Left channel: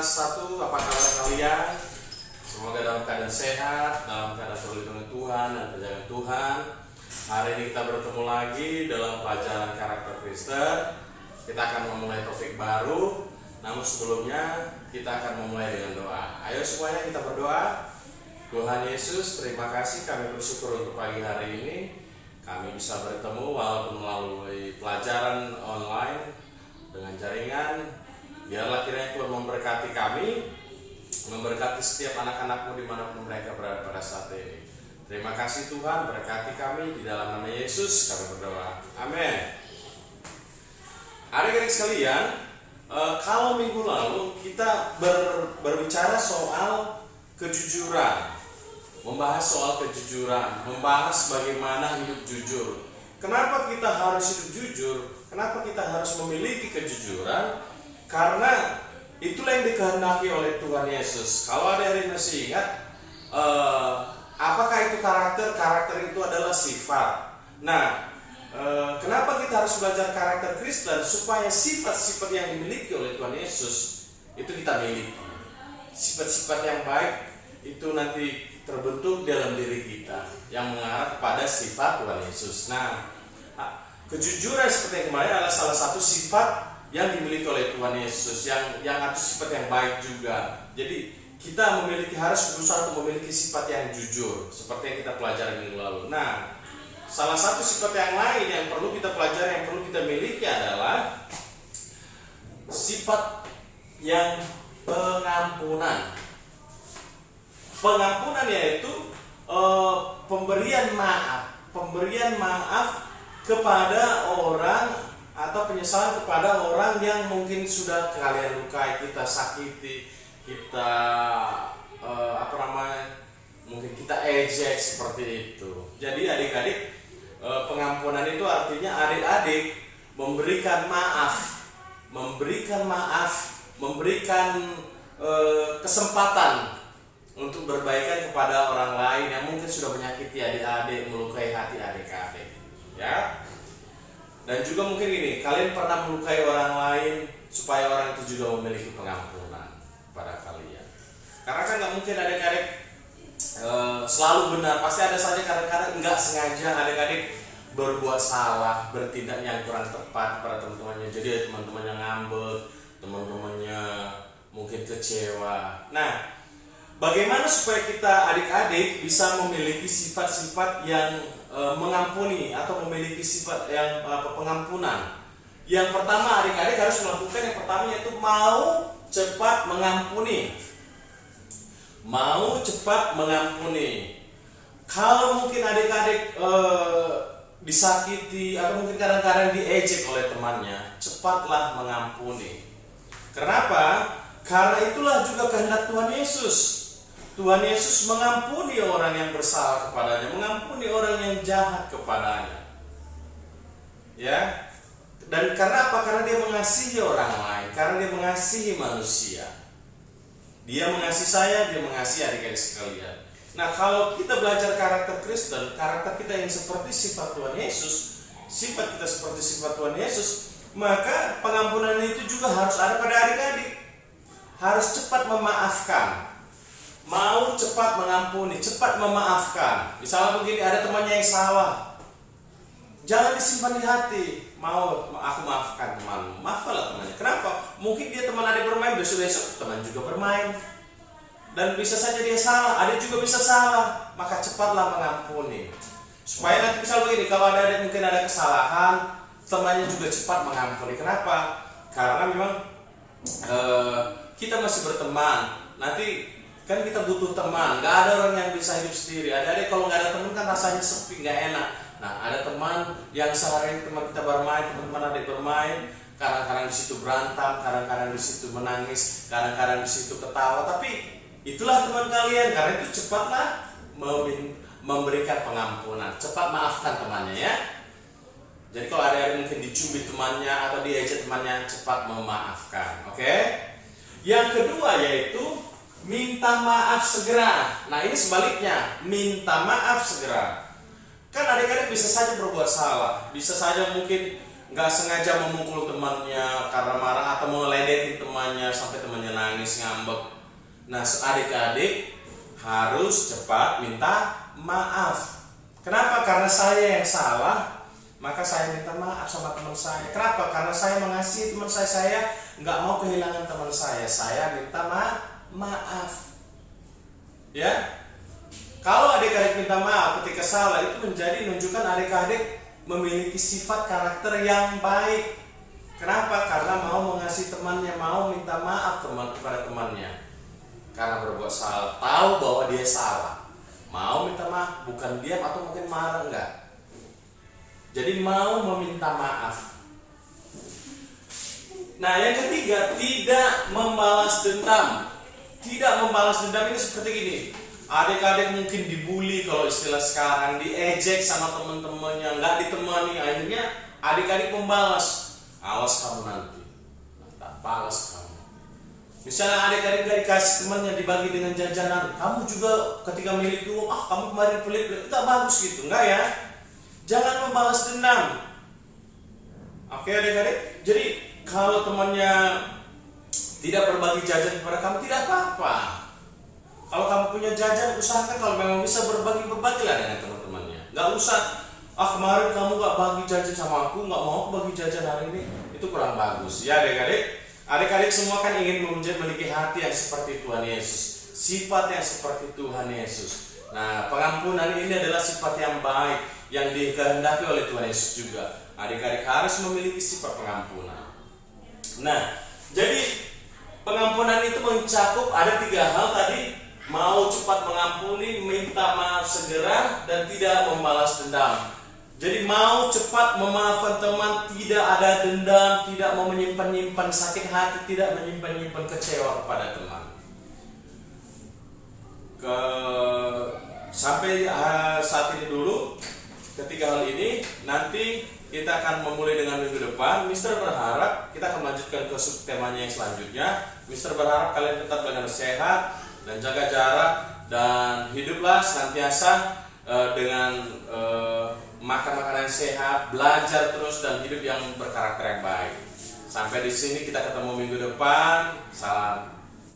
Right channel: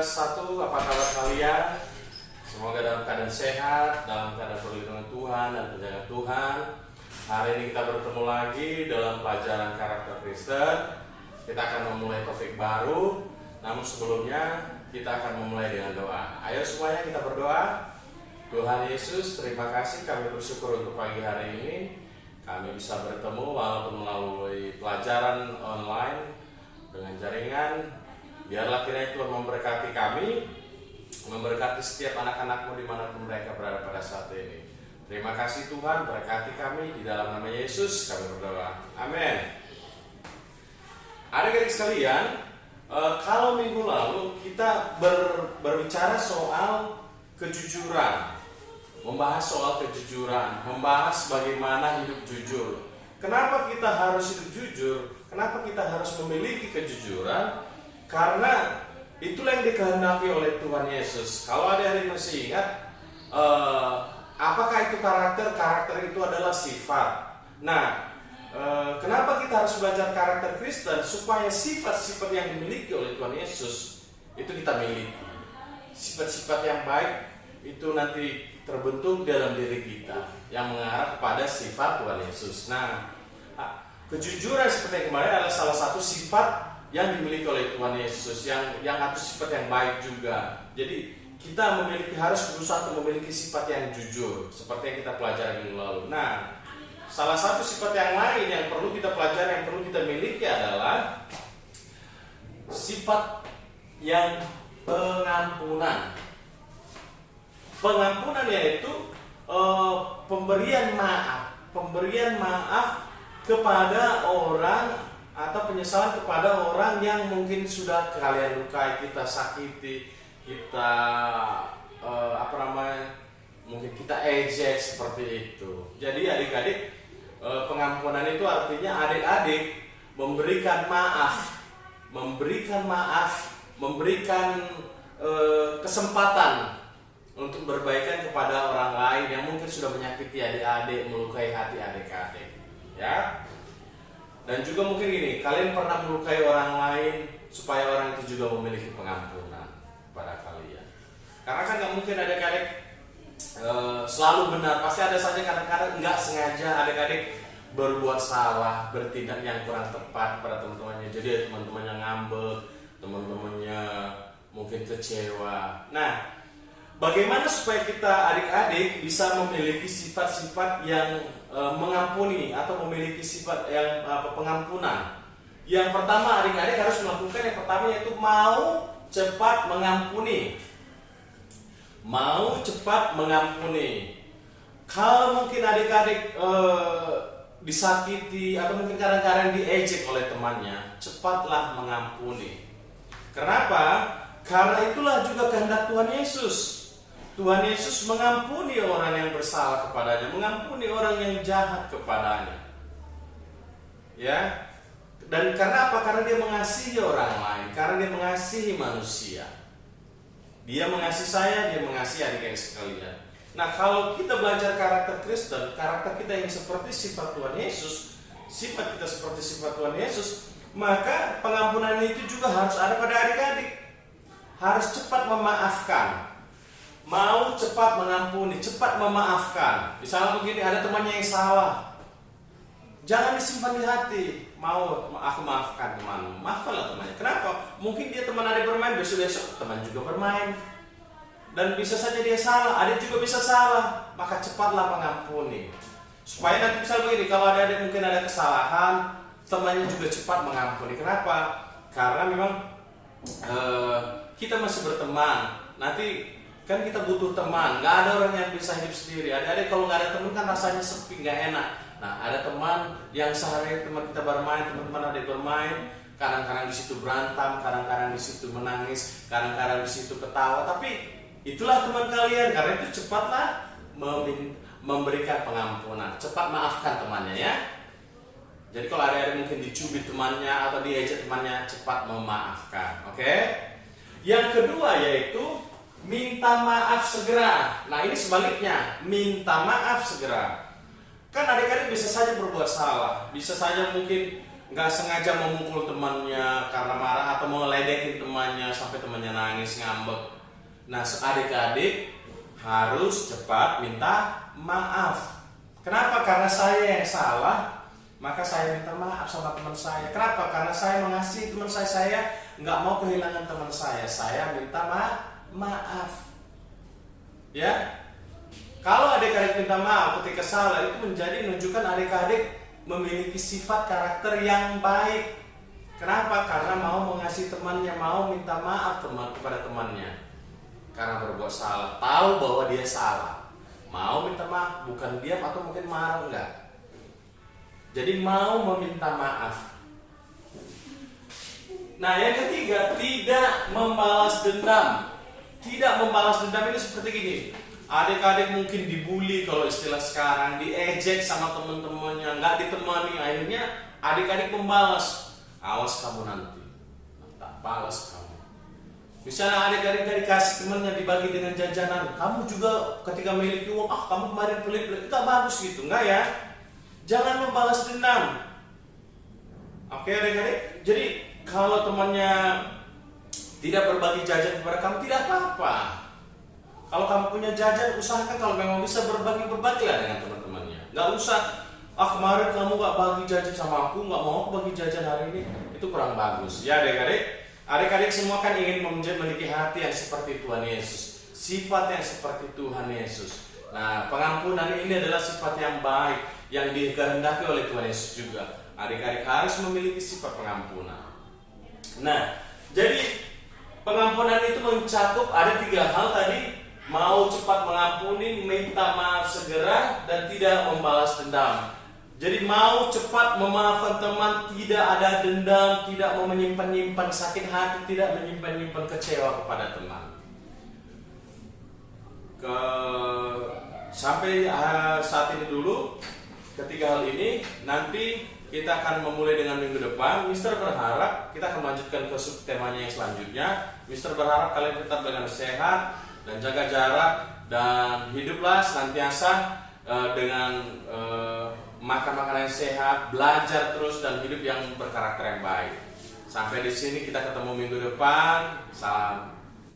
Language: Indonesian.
kelas 1, apa kabar kalian? Semoga dalam keadaan sehat, dalam keadaan perlindungan Tuhan dan penjagaan Tuhan. Hari ini kita bertemu lagi dalam pelajaran karakter Kristen. Kita akan memulai topik baru, namun sebelumnya kita akan memulai dengan doa. Ayo semuanya kita berdoa. Tuhan Yesus, terima kasih, kami bersyukur untuk pagi hari ini kami bisa bertemu walaupun melalui pelajaran online dengan jaringan. Biarlah kiranya Tuhan memberkati kami, memberkati setiap anak-anak-Mu dimanapun mereka berada pada saat ini. Terima kasih Tuhan, berkati kami di dalam nama Yesus kami berdoa. Amin. Adik-adik sekalian, kalau minggu lalu kita berbicara soal kejujuran, membahas soal kejujuran, membahas bagaimana hidup jujur. Kenapa kita harus hidup jujur? Kenapa kita harus memiliki kejujuran? Karena itulah yang dikehendaki oleh Tuhan Yesus. Kalau ada yang masih ingat, apakah itu karakter? Karakter itu adalah sifat. Nah, kenapa kita harus belajar karakter Kristen? Supaya sifat-sifat yang dimiliki oleh Tuhan Yesus itu kita miliki. Sifat-sifat yang baik itu nanti terbentuk dalam diri kita yang mengarah kepada sifat Tuhan Yesus. Nah, kejujuran seperti yang kemarin adalah salah satu sifat yang dimiliki oleh Tuhan Yesus, yang atau sifat yang baik juga. Jadi kita harus berusaha untuk memiliki sifat yang jujur, seperti yang kita pelajari minggu lalu. Nah, salah satu sifat yang lain yang perlu kita pelajari, yang perlu kita miliki adalah sifat yang pengampunan. Pengampunan yaitu pemberian maaf kepada orang, atau penyesalan kepada orang yang mungkin sudah kalian lukai, kita sakiti, kita mungkin kita ejek seperti itu. Jadi adik-adik, pengampunan itu artinya adik-adik memberikan memberikan kesempatan untuk berbaikan kepada orang lain yang mungkin sudah menyakiti adik-adik, melukai hati adik-adik, ya. Dan juga mungkin gini, kalian pernah melukai orang lain supaya orang itu juga memiliki pengampunan pada kalian. Karena kan nggak mungkin adik-adik selalu benar, pasti ada saja kadang-kadang nggak sengaja adik-adik berbuat salah, bertindak yang kurang tepat pada teman-temannya. Jadi teman-temannya ngambek, teman-temannya mungkin kecewa. Nah, bagaimana supaya kita adik-adik bisa memiliki sifat-sifat yang mengampuni atau memiliki sifat yang pengampunan? Yang pertama adik-adik harus melakukan yang pertama yaitu mau cepat mengampuni. Mau cepat mengampuni. Kalau mungkin adik-adik disakiti atau mungkin kadang-kadang diejek oleh temannya, cepatlah mengampuni. Kenapa? Karena itulah juga kehendak Tuhan Yesus. Tuhan Yesus mengampuni orang yang bersalah kepadanya, mengampuni orang yang jahat kepadanya. Ya. Dan karena apa? Karena dia mengasihi orang lain, karena dia mengasihi manusia. Dia mengasihi saya, dia mengasihi adik-adik sekalian. Nah, kalau kita belajar karakter Kristen, karakter kita yang seperti sifat Tuhan Yesus, sifat kita seperti sifat Tuhan Yesus, maka pengampunan itu juga harus ada pada adik-adik. Harus cepat memaafkan. Mau cepat mengampuni, cepat memaafkan. Misalnya begini, ada temannya yang salah, jangan disimpan di hati. Mau aku maafkan temanmu, maafkanlah temannya. Kenapa? Mungkin dia teman adik bermain, besok-besok teman juga bermain, dan bisa saja dia salah, adik juga bisa salah. Maka cepatlah mengampuni, supaya nanti misal begini, kalau ada adik mungkin ada kesalahan, temannya juga cepat mengampuni. Kenapa? Karena memang kita masih berteman. Nanti kan kita butuh teman, nggak ada orang yang bisa hidup sendiri. Adik-adik kalau nggak ada teman kan rasanya sepi, nggak enak. Nah, ada teman yang sehari teman kita bermain, teman-teman adik bermain, kadang-kadang di situ berantem, kadang-kadang di situ menangis, kadang-kadang di situ ketawa. Tapi itulah teman kalian. Karena itu cepatlah memberikan pengampunan, cepat maafkan temannya, ya. Jadi kalau ada mungkin dicubit temannya atau diejek temannya, cepat memaafkan. Oke? Yang kedua yaitu minta maaf segera. Nah, ini sebaliknya, minta maaf segera. Kan adik-adik bisa saja berbuat salah, bisa saja mungkin nggak sengaja memukul temannya karena marah atau mau ledekin temannya sampai temannya nangis ngambek. Nah, adik-adik harus cepat minta maaf. Kenapa? Karena saya yang salah, maka saya minta maaf sama teman saya. Kenapa? Karena saya mengasihi teman saya nggak mau kehilangan teman saya minta maaf. Ya, kalau adik-adik minta maaf ketika salah, itu menjadi menunjukkan adik-adik memiliki sifat karakter yang baik. Kenapa? Karena mau mengasihi temannya, mau minta maaf kepada temannya karena berbuat salah, tahu bahwa dia salah, mau minta maaf, bukan diam atau mungkin marah, enggak. Jadi mau meminta maaf. Nah, yang ketiga, tidak membalas dendam. Tidak membalas dendam ini seperti gini. Adik-adik mungkin dibully, kalau istilah sekarang, diejek sama teman-temannya, nggak ditemani, akhirnya adik-adik membalas. Awas kamu nanti, tak balas kamu. Misalnya adik-adik gak dikasih temannya, dibagi dengan jajanan, kamu juga ketika memiliki uang, kamu kemarin pelit-pelit, itu bagus gitu, enggak ya? Jangan membalas dendam. Oke adik-adik, jadi kalau temannya tidak berbagi jajan kepada kamu, tidak apa-apa. Kalau kamu punya jajan, usahakan kalau memang bisa berbagilah dengan teman-temannya. Gak usah, kemarin kamu gak bagi jajan sama aku, gak mau aku bagi jajan hari ini. Itu kurang bagus. Ya adik-adik, adik-adik semua kan ingin memiliki hati yang seperti Tuhan Yesus, sifat yang seperti Tuhan Yesus. Nah, pengampunan ini adalah sifat yang baik yang dikehendaki oleh Tuhan Yesus juga. Adik-adik harus memiliki sifat pengampunan. Nah, jadi pengampunan itu mencakup ada 3 hal tadi. Mau cepat mengampuni, minta maaf segera, dan tidak membalas dendam. Jadi mau cepat memaafkan teman, tidak ada dendam, tidak mau menyimpan-nyimpan sakit hati, tidak menyimpan-nyimpan kecewa kepada teman. Sampai saat ini dulu, ketiga hal ini. Nanti kita akan memulai dengan minggu depan. Mister berharap kita akan melanjutkan ke subtemanya yang selanjutnya. Mister berharap kalian tetap dengan sehat dan jaga jarak, dan hiduplah senantiasa dengan makan makanan sehat, belajar terus, dan hidup yang berkarakter yang baik. Sampai di sini kita ketemu minggu depan. Salam.